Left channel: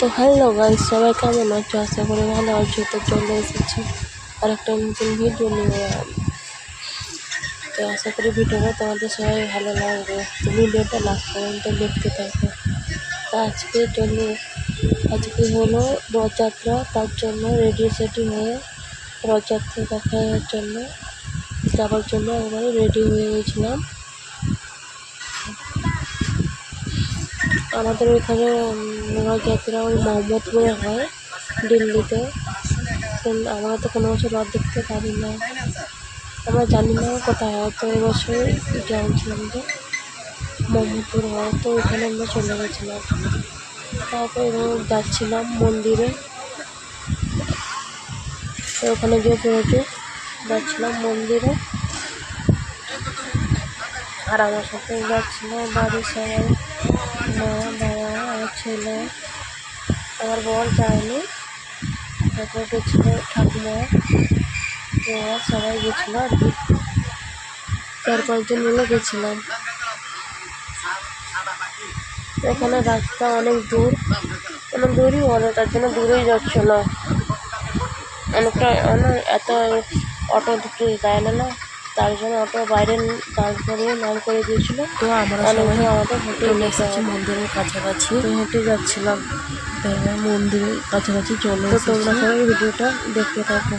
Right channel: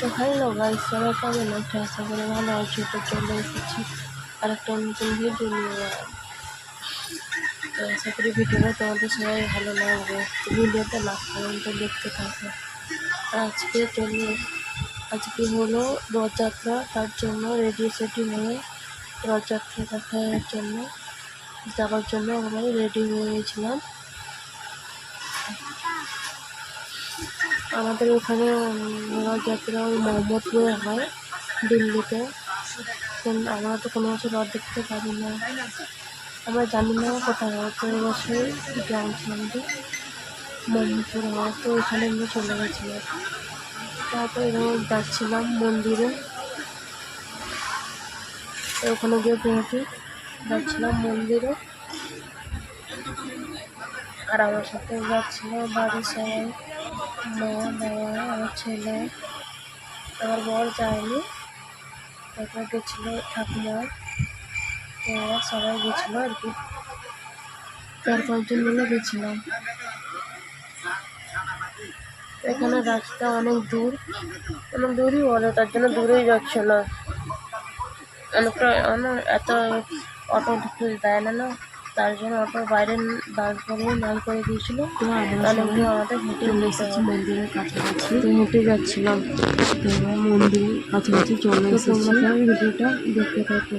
তো hello guys, সবাই কেমন আছো? আশা করি ভালো আছো। তো চলে এসেছি আর একটা নতুন ভিডিও নিয়ে। তো আশা করি ভিডিওটা তোমাদের সবাই ভালো লাগবে। তো ভিডিওটা লাস্ট পর্যন্ত দেখতে থাকো। তো আজকে হলো রথযাত্রা, তার জন্য রেডি সেটি হয়ে রথযাত্রা দেখার জন্য যাওয়ার জন্য একবারে রেডি হয়ে গেছিলাম। আমাদের এখানে রথযাত্রা ওই মোহাম্মদপুরে হয়, দিল্লিতে। আমরা তো কোনো বছর রথ দেখতে পারি না, আমরা জানি না কোথায় হয়। তো এবছর জানছিলাম যে মোহাম্মদপুর হয়, তো ওইখানে আমরা চলে গেছিলাম। তারপরে যাচ্ছিলাম মন্দিরে, তো ওখানে গিয়ে পৌঁছে যাচ্ছিলাম মন্দিরে। আর আমার সাথে যাচ্ছিল বাড়ির সবাই, মা, বাবা, আমার ছেলে, আমার বর যায়নি। তারপর গেছিলো ঠাকুমা, ওরা সবাই গেছিলো আর কি, 4-5 জন মিলে গেছিলাম। এখানে রাস্তা অনেক দূরই বলে, তার জন্য দূরেই যাচ্ছে না। অনেকটা এত অটো ঢুকতে দেয় না, তার জন্য অটো বাইরে দাঁড় করে দিয়েছিল। তো আমরা সবাই আমাদের হেঁটে এসেছি মন্দিরের কাছাকাছি, তো হেঁটে যাচ্ছিলাম। তো মন্দিরের কাছাকাছি চলে এসেছি। তোমরা সবাই ভিডিওটা দেখতে থাকো।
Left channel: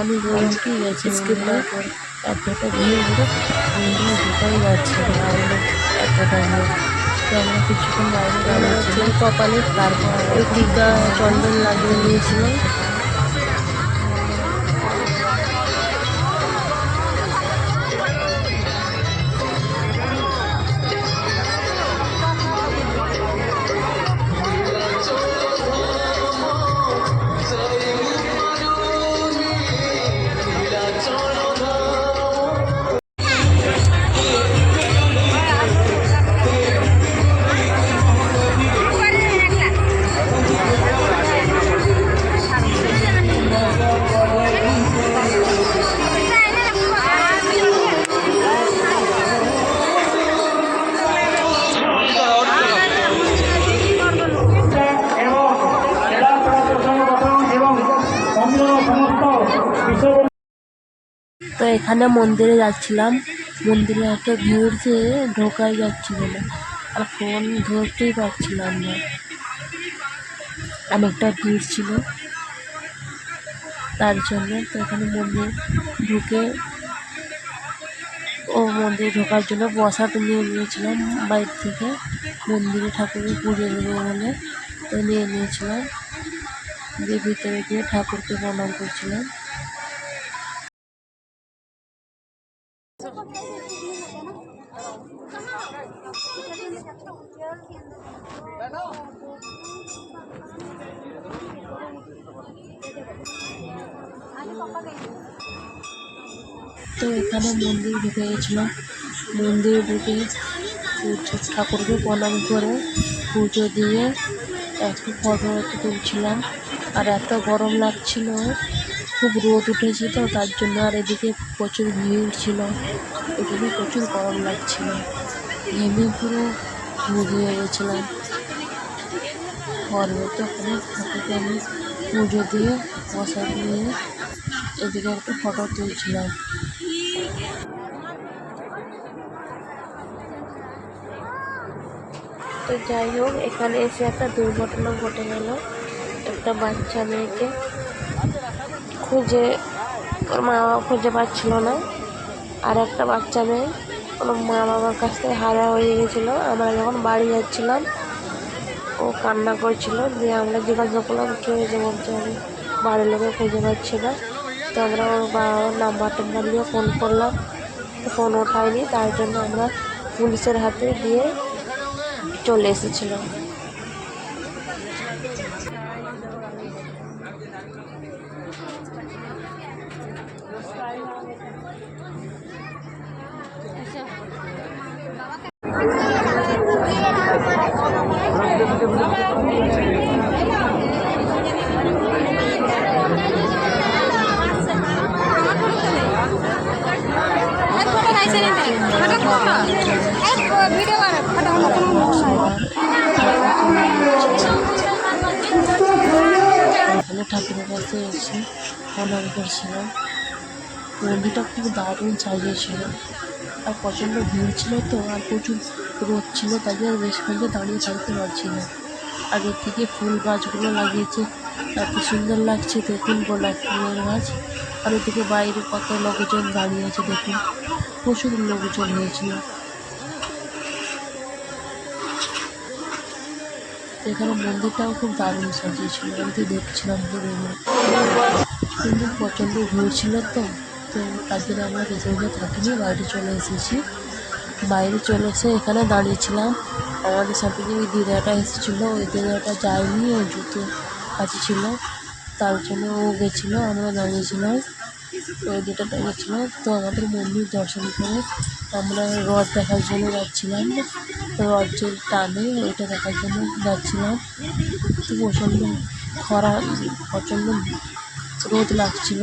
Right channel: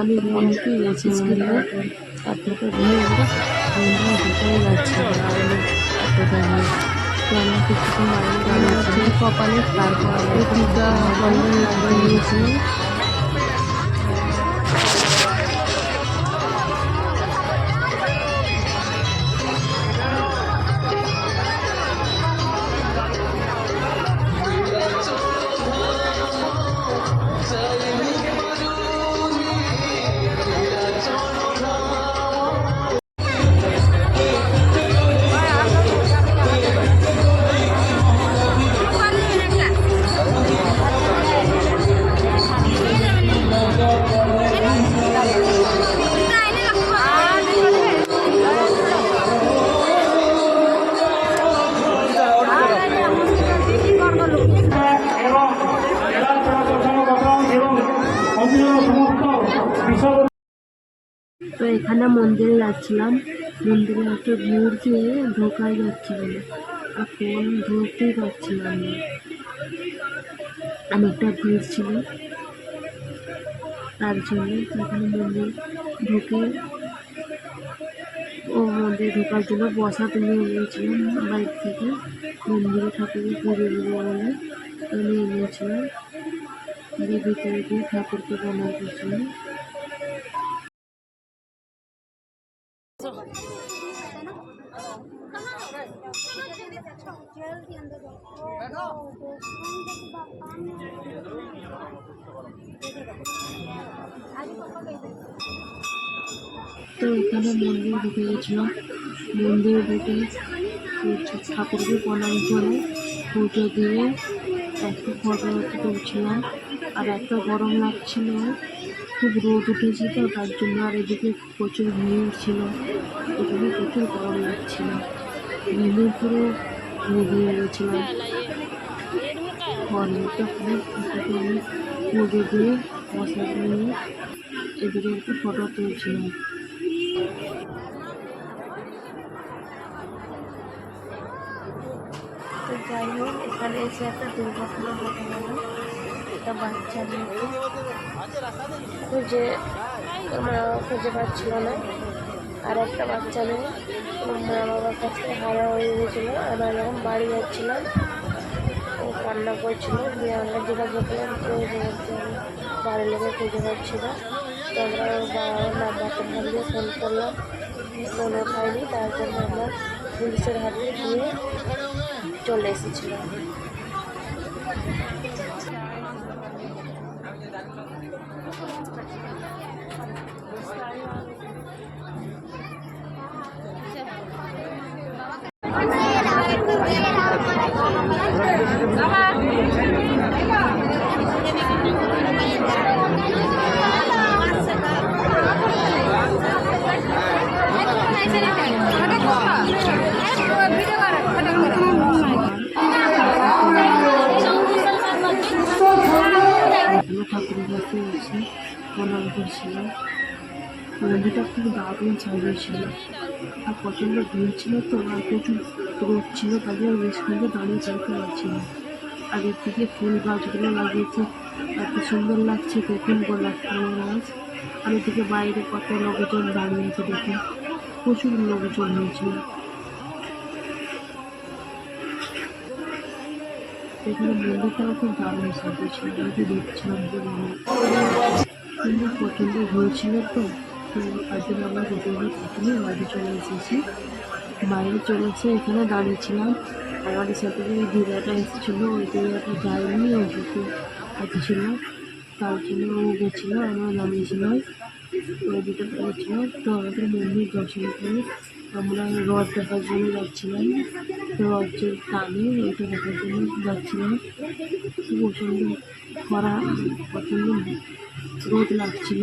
আমি হেঁটে গেছি মন্দিরের পর এতটা ভিড়, মন্দিরে ঢুকাই যাচ্ছে না এতটা ভিড়। তো আমরা কিছুক্ষণ বাইরে দাঁড়িয়েছিলাম, কপালে তারপর আমরা টিকা চন্দন লাগিয়ে নিয়েছিলাম। তো এখানে মন্দিরে যাচ্ছিলাম, মন্দিরে একটা ভিড় যে ঢোকাই যাচ্ছিল না, আর ফোন ধরতেই পারছিলাম না, অনেকটা ভিড় ছিল তার জন্য। তো এখানে মন্দির ঢোকার জন্য প্রসাদ নিয়ে নিয়েছিলাম বাইরে থেকে, মন্দিরে ঠাকুরকে পুজো দেবো বলে। তো নিয়ে নিয়েছিলাম, দিয়ে ভিতরে গিয়ে ঠাকুরকে প্রণাম করছিলাম। তো এখানে মন্দির ঢুকে গেছিলাম, মন্দিরে ঢুকে ঠাকুরকে প্রণাম করে পুজো দিয়ে একটু ফটো তুলছিলাম। আর এত গরম লাগছিল, খুব রোদ উঠেছে তো তার জন্য, আর এদিকে প্রচুর ভিড় ছিল, এখানে প্রচুর গরম লাগছিল, ঘেমে পুরো ঘুরিয়ে গেছিলাম। ঘরে তো ঠাকুরকে আমি পুজো দিয়ে প্রসাদ নিয়ে এদিকে একটু ফটো তুলছিলাম। তো যাই হোক, এখানে এসে একটা দুর্ঘটনা ঘটে গেল। একটা বাচ্চা মেয়েকে ওর মা বাবা খুঁজে পাচ্ছিল না, আর একটা বাচ্চা মেয়ে ওর মা বাবার কাছ থেকে হারা হয়ে গেছিলো। আমরা যখন বাড়ি যাচ্ছিলাম ও কান্না করছিল, দিয়ে আমরা জিজ্ঞাসা করলাম কী হয়েছে, বলতে আমি বাড়ির লোকে খুঁজে পাচ্ছি না। তো আমরা ওর বাবার নাম্বার দিয়ে ফোন করলাম, ফোন ওঠায়নি, তার জন্য আমরা পুলিশের হাতে দিয়ে চলে এসেছিলাম। বসে এসে প্রণাম করছিলাম। মন্দিরটা খুব দারুণ সাজিয়েছিল, আর প্রচণ্ড ভিড় ছিল তো, আর প্রচুর রোদ ছিল, তাই জন্য বেশিক্ষণ দাঁড়িয়ে থাকতে পারছি না। আর এর থেকে ফুল গাছগুলো লাগিয়েছে, এত সুন্দর লাগছে দেখুন, গোলাপ ফুলের গাছ। আর এদিকে বাইরে কত লোকজন দাঁড়িয়ে আছে দেখুন, প্রচুর লোকজন হয়েছিল। এখানে মন্দিরটাও খুব দারুণ সাজিয়েছিল, আমি তো দেখছিলাম কিন্তু প্রচণ্ড ভিড় ছিল তো, তার জন্য আমরা ভেতরে থাকিনি, বাইরে চলে এসেছি। বাইরে চলে এসে এখানে দাঁড়িয়েছিলাম। আমাদের সাথে যে ওই দিদাটা এসেছিলো, ওই দিদাটা যায়নি, ওই জুতো কাছে ছিল, তার জন্য ও গেছিলো, আমরা দাঁড়িয়েছিলাম। ওই দিদাটা গেছিলো, তো আমাদের মন্দির দর্শন করে আমরা রথ দেখার জন্য যাচ্ছিলাম। রথ যে টানে ওইটা দেখার জন্য যাচ্ছিলাম। তো প্রচণ্ড খরা, প্রচণ্ড রোদ লাগছিল।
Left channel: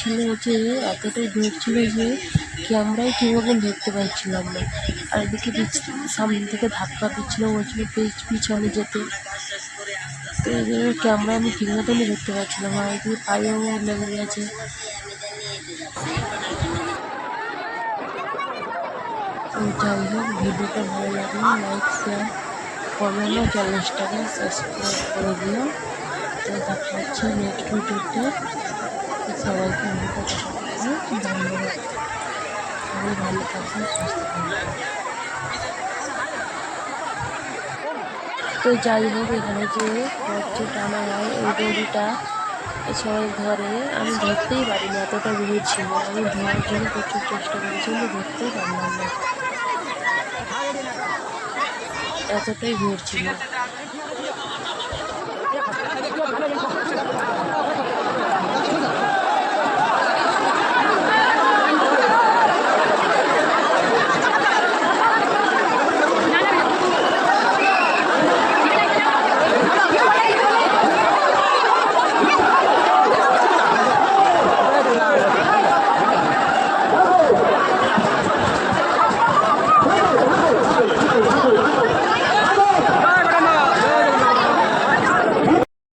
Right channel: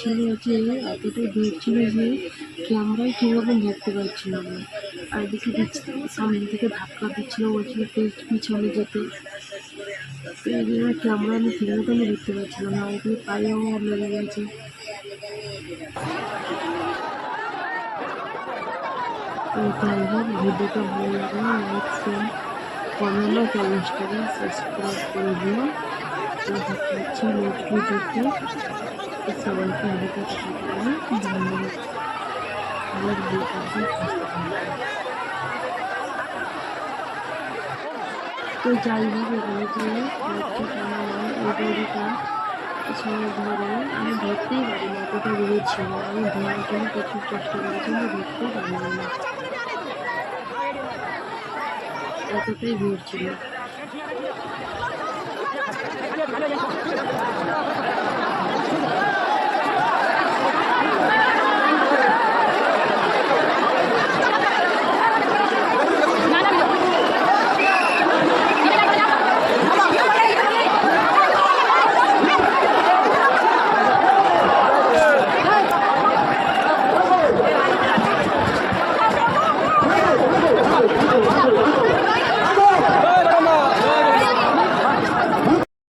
ছিল যে এতটাই ভিড় ছিল যে ক্যামেরায় কীভাবে ধরতে পারছিলাম না। আর এদিকে সামনে থেকে ধাক্কা দিচ্ছিল, বলছিল পিছনে যেতে, তো এই জন্য ক্যামেরা আমি ঠিক মতন ধরতে পারছিলাম না। এদিকে পায়েও লেগে গেছে। তো যাই হোক, ভিডিওটা ভালো লাগলে লাইক, শেয়ার, কমেন্ট ও 40 টাকা সাবস্ক্রাইব করে দিও। তো দেখা হচ্ছে নেক্সট ভিডিওতে। সবাইকে ভিডিওটা দেখা করবে, ধন্যবাদ। সবাই ভালো থাকবে, সুস্থ থাকবে। তো যাই হোক, এখানে যে হচ্ছে টানা হয় ওই দড়িটা সবাই ধরে, আমি ধরতেই পারি না, এতটা ভিড় ছিল। আমি ধরার জন্য প্রচুর চেষ্টা করেছি, আমি ধরতেই পারলাম না, এতটাই ভিড় ছিল।